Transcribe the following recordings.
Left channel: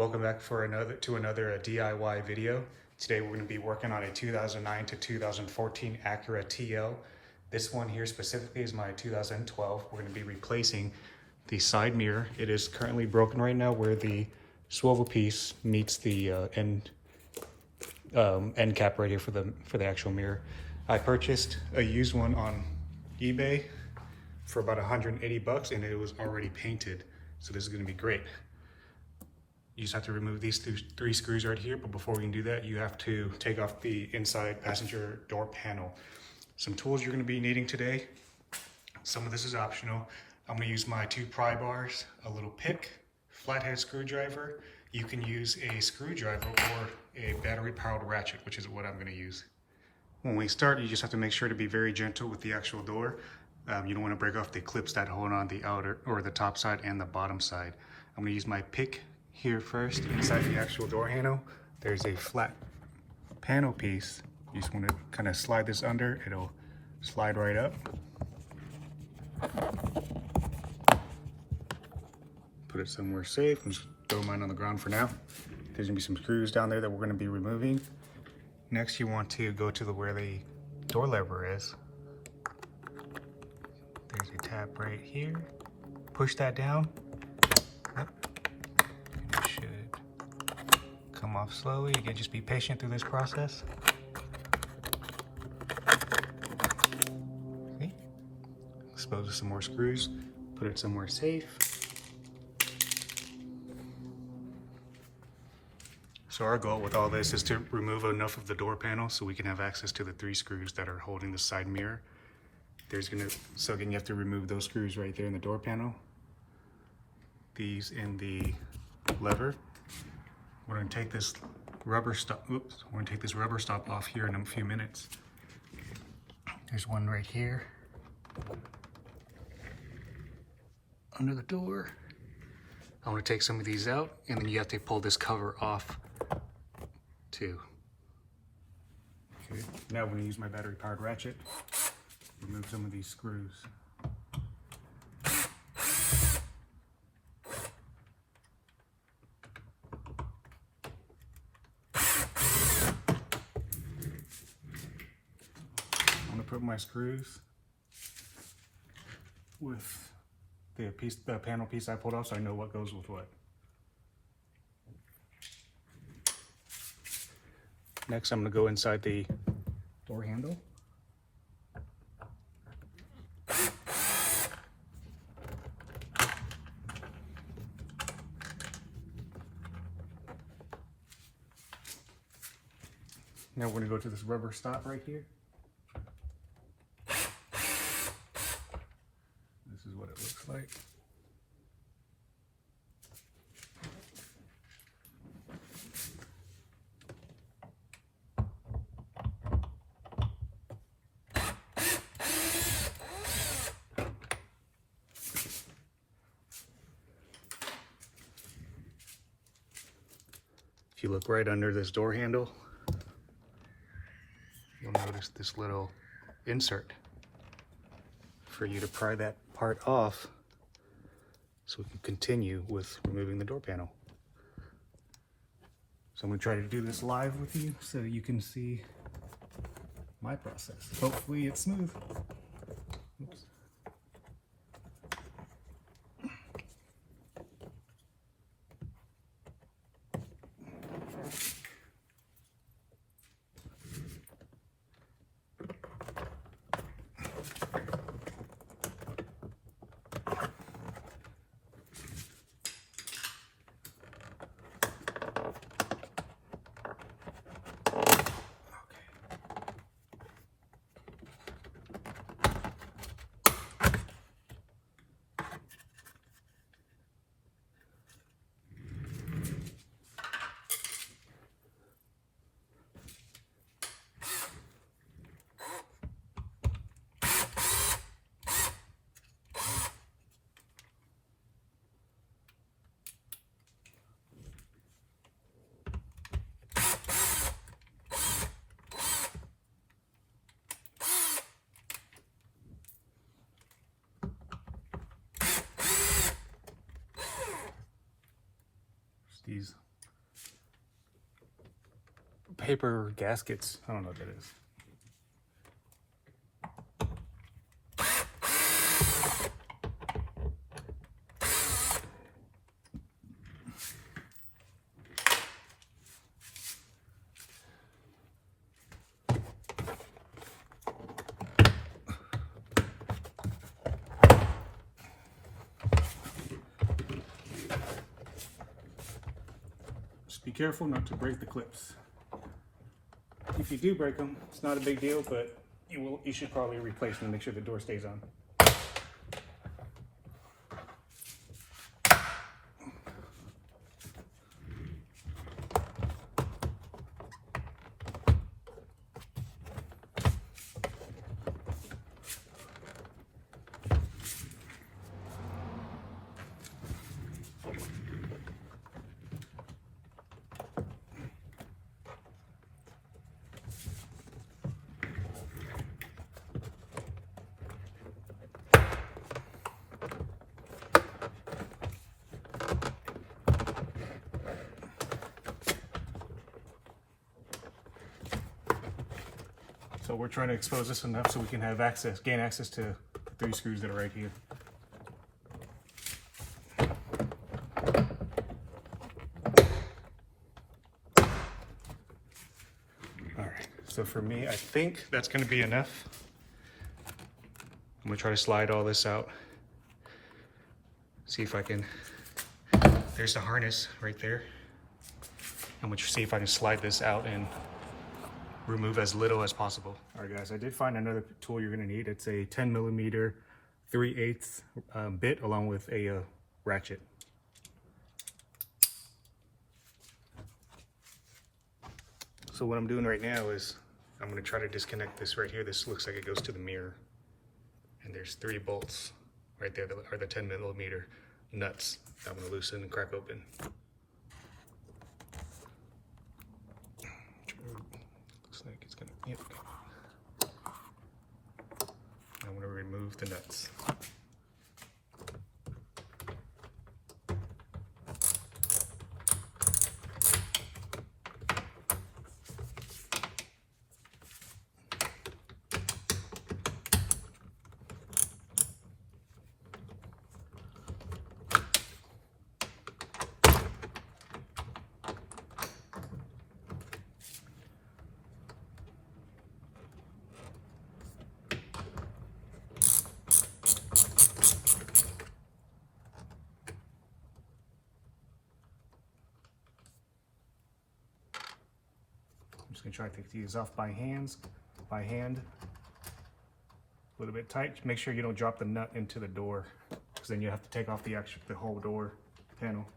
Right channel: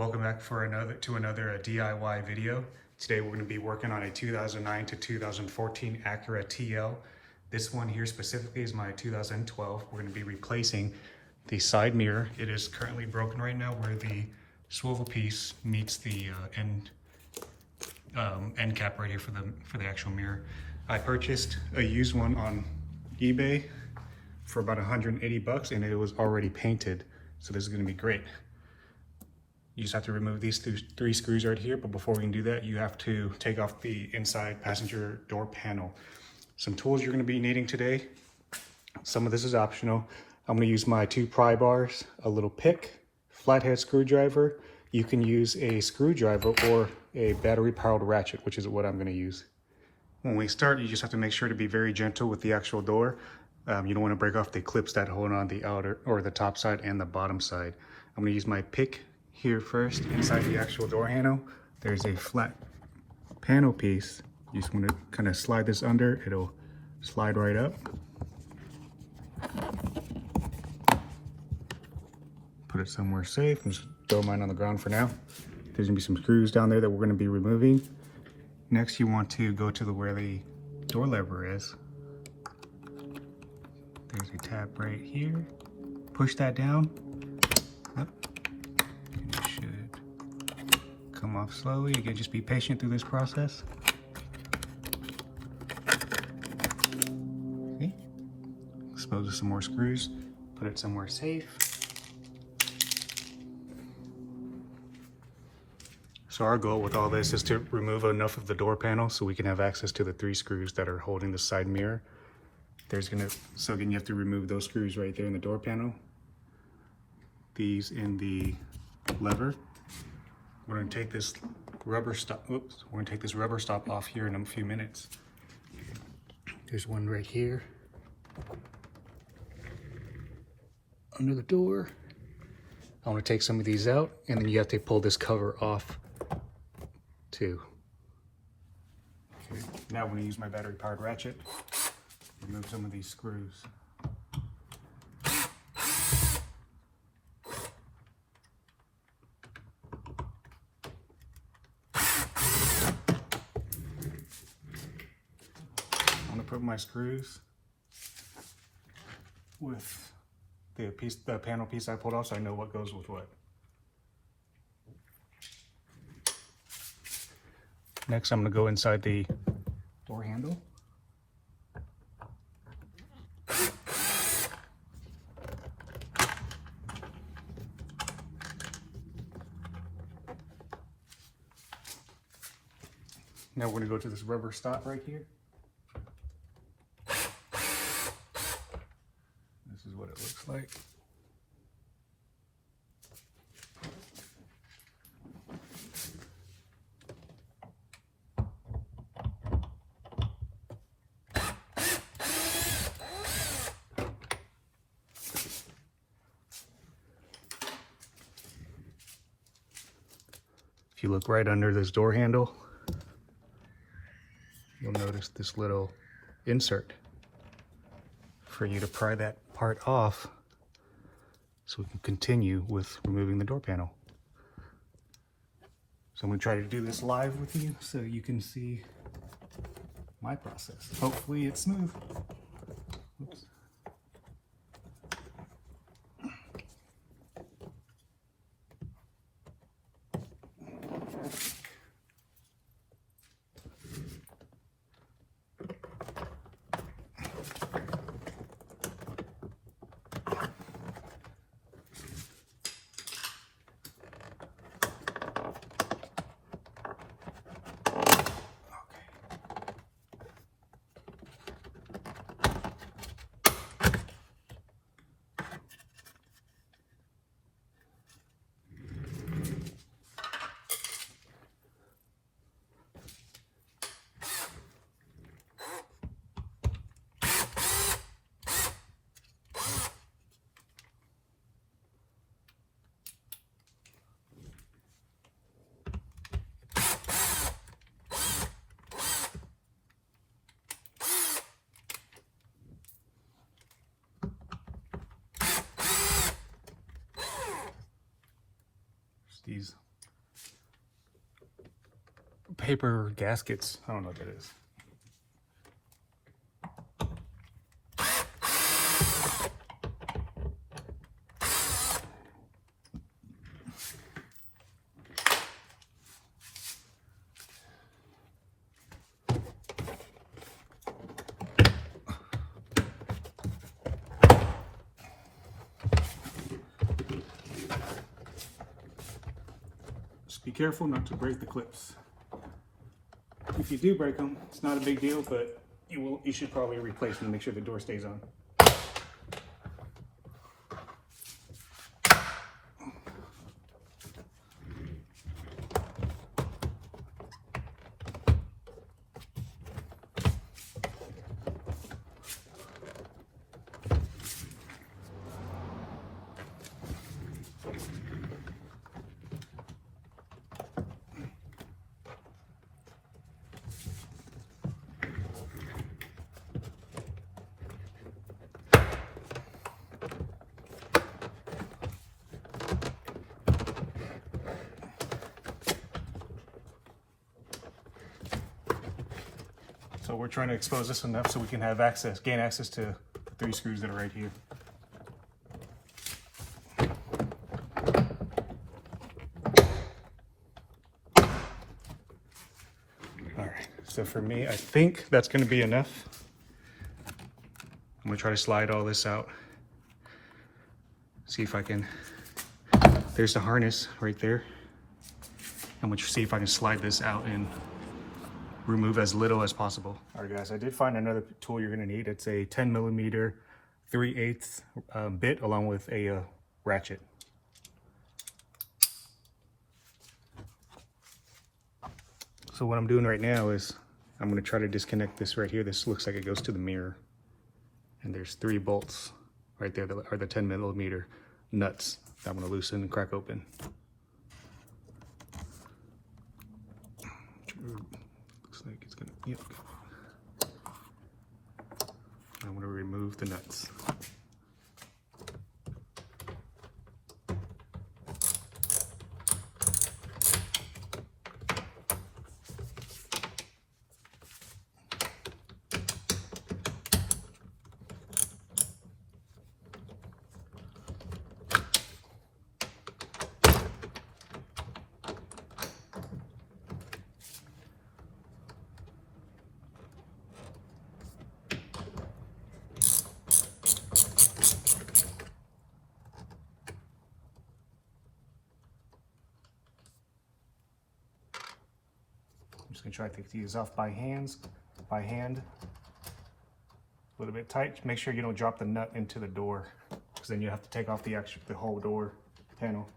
Welcome back for another DIY video. Today we're going to be working on a 2009 to 2014 Acura TL. This one here specifically is my 2012. We're going to be replacing the side mirror. It is currently broken right now where the swivel piece meets the end cap right here for the actual mirror. I purchased a used one on eBay for about 180 bucks and it was already painted. So this is going to be great. You just have to remove these three screws right here, but before we can do that, you have to take off the inside passenger door panel. Some tools you're going to be needing today. Some of this is optional. I'm going to use my 2 pry bars, a little pick, flathead screwdriver. You can use a screwdriver or a battery powered ratchet, which is what I'm going to use. When we start, you just have to make sure to be very gentle with the actual door. You don't want to break off the clips that hold on the outer or the top side and the bottom side. I'm going to use my pick here first. Inside the actual door handle, there's a flat panel piece. You just want to kind of slide this under. It'll slide right up. Put it somewhere safe. Just throw mine on the ground for now. There's going to be some screws down there that we're going to be removing. Next, you want to go to where the door lever is. There's a tab right here. Push that down. Yep. And it should come off slowly. You can just be patient through this process. See? Dispose of some more screws. Put it somewhere safe. So our goal with all this is to remove enough of the door panel so we can have access to the 3 screws that are holding the side mirror. So again, you have to remove those screws right there in the door panel. These in the lever. We're going to take this rubber stop. Oops, we're going to take this rubber stop off here in a few minutes. There's one right here under the door. I want to take some of these out, and then you have to pull this cover off too. Okay. Now I'm going to use my battery powered ratchet. Remove some of these screws. I'm going to put my screws with the panel piece I pulled off so I know what goes with what. Next, I'm going to go inside the door handle. Now we're going to go to this rubber stop right here. This is what it looks like. If you look right under this door handle, you'll notice this little insert for you to pry that part off so we can continue with removing the door panel. So I'm going to try to do this live with you so you can see my process. Hopefully it's smooth. Oops. these paper gaskets. I don't know what that is. Just be careful not to break the clips. If you do break them, it's not a big deal, but you should probably replace them to make sure the door stays on. So we're trying to expose this enough so we can have gain access to the 3 screws that are right here. All right, so for me, I think that's gonna be enough. I'm gonna try to slide all this out. See if I can, there's the harness right there. I'm gonna see if I can slide this out and remove as little as possible. All right guys, I did find another tool you're gonna need. It's a 10mm 3/8 bit along with a ratchet. So what I'm doing right now is I'm gonna try to disconnect this right here. This looks like it goes to the mirror. And there's 3 bolts right there that are the 10mm nuts that I'm gonna loosen and crack open. Looks like it's gonna, yep. I'm gonna remove the nuts. I'm just gonna try to take these off by hand. A little bit tight. Make sure you don't drop the nut into the door, because then you have to take off the whole door panel.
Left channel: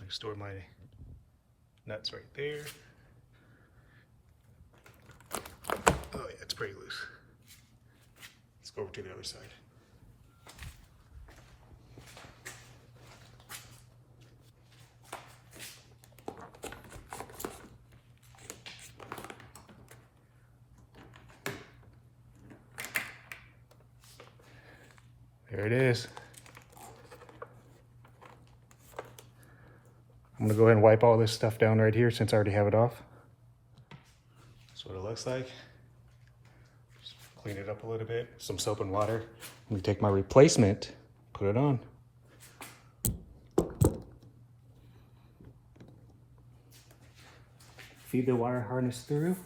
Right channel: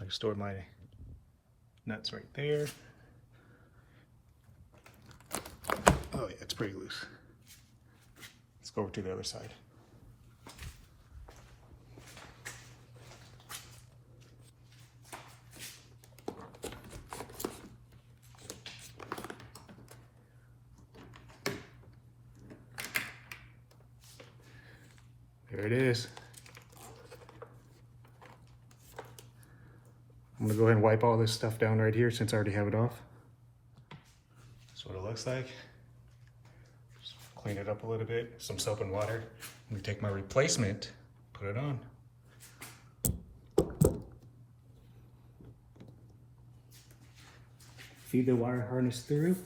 I store my nuts right there. Oh yeah, it's pretty loose. Let's go over to the other side. There it is. I'm gonna go ahead and wipe all this stuff down right here since I already have it off. That's what it looks like. Just clean it up a little bit, some soap and water. Let me take my replacement, put it on. Feed the wire harness through.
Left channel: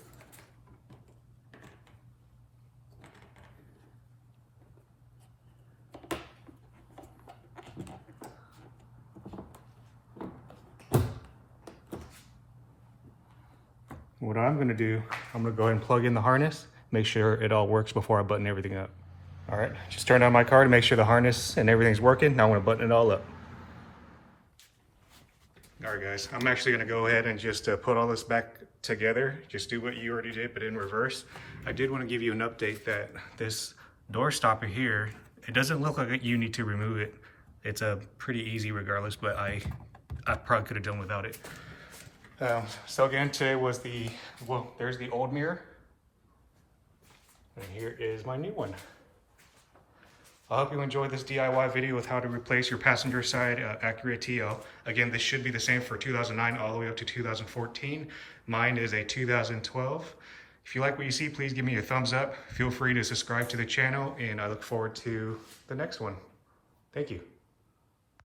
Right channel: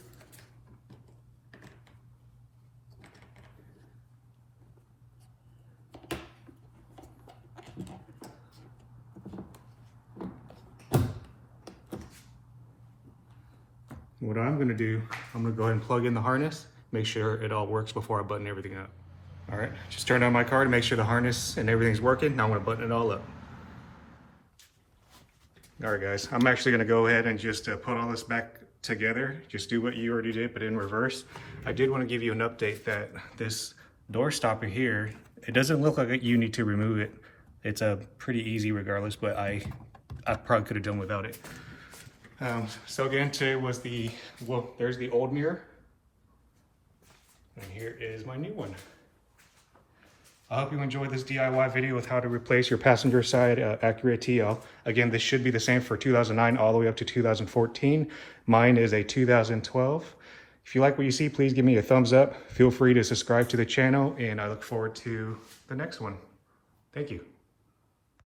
What I'm gonna do, I'm gonna go ahead and plug in the harness, make sure it all works before I button everything up. All right, just turn on my car to make sure the harness and everything's working. Now I'm gonna button it all up. All right guys, I'm actually gonna go ahead and just put all this back together. Just do what you already did, but in reverse. I did wanna give you an update that this door stopper here, it doesn't look like you need to remove it. It's pretty easy regardless, but I probably could have done without it. So again, today was there's the old mirror. And here is my new one. I hope you enjoyed this DIY video with how to replace your passenger side Acura TL. Again, this should be the same for 2009 all the way up to 2014. Mine is a 2012. If you like what you see, please give me a thumbs up. Feel free to subscribe to the channel, and I look forward to the next one. Thank you.